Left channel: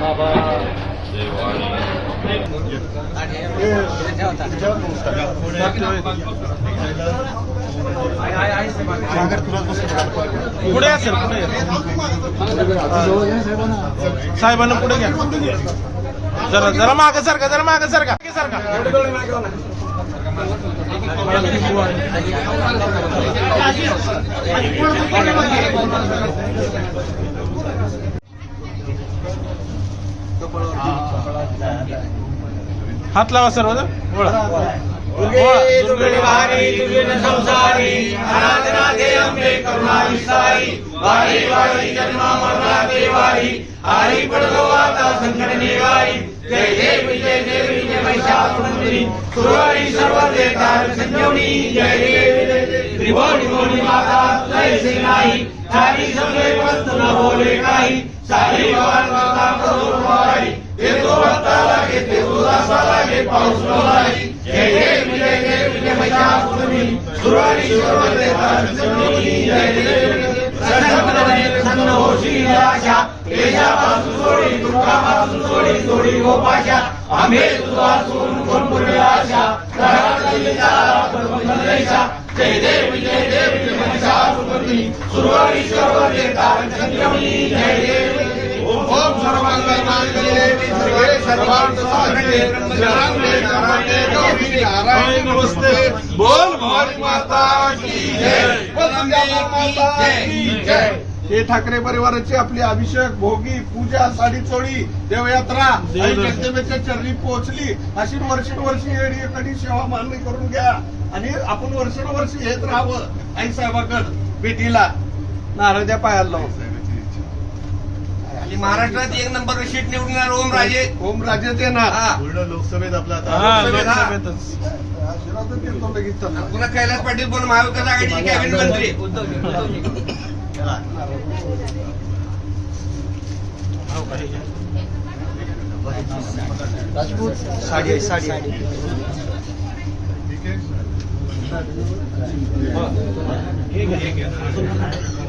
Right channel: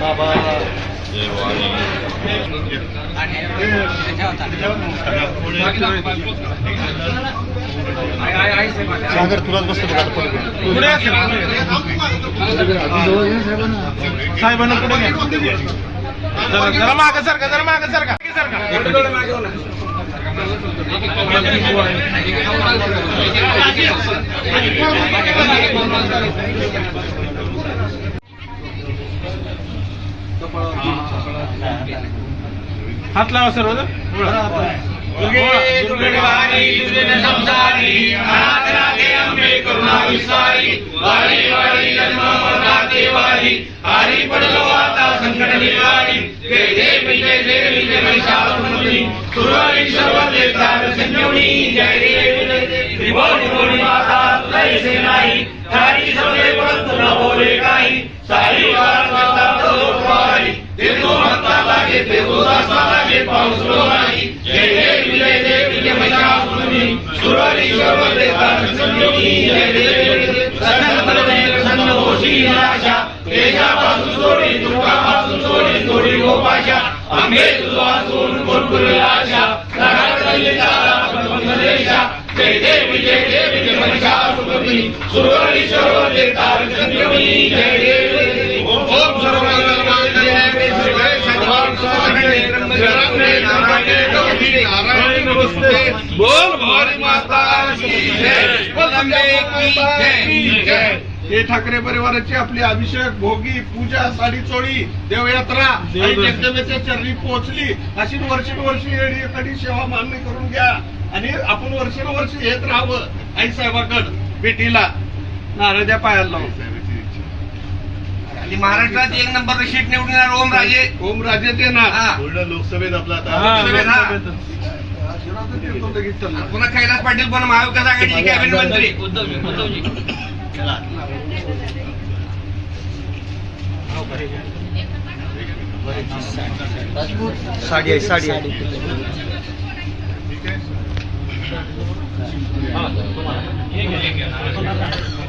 बाबा. सागर तुलाच बसतो पुढे असेल. साहेबांना पुढे घ्या. जरा जरा माग सारखा जरा माग सारखा सारखा हात लावा सर्व हरी आम्ही तुझा सोडून कोण पुरे आशा घरात चाललेला आपण मंगलेशा जय जय विजय जय विजय महिषा सुगमी सुरवारी सर्व देतात संयमी जय जय ओम सर्वांगांगे सर्वे सर्वांसागे रंगे नारायणे गौरी नारायण नमस्ते. बोल भारी माता की जय. वंदे माता की जय. हे ठाकरे परिवाराची आपली अभिषेक भोगी पूजा साडी चोळी देवयात्रा आणि जगदंबेच्या चरणी पोहोचली. अशी वर्षानुवर्षी येडी सेवा मान्य करून घ्या. आणि आपण वर्षानुवर्ष येत राहावं. आई साहेबाकड भेटीला नारळच्या पायाला लावून. आणि महाराष्ट्रात एक नंबर शीट निवडून येणार ओम राजे. ओम राजे ते ना हा. पूर्ण लोकसभेत आपला हा, आता लगेच. पुन्हा कैलास पाटील पण महाविकास आघाडीचे कॅबिनेट मंत्री. साडी आहे, साडी आहे. आहे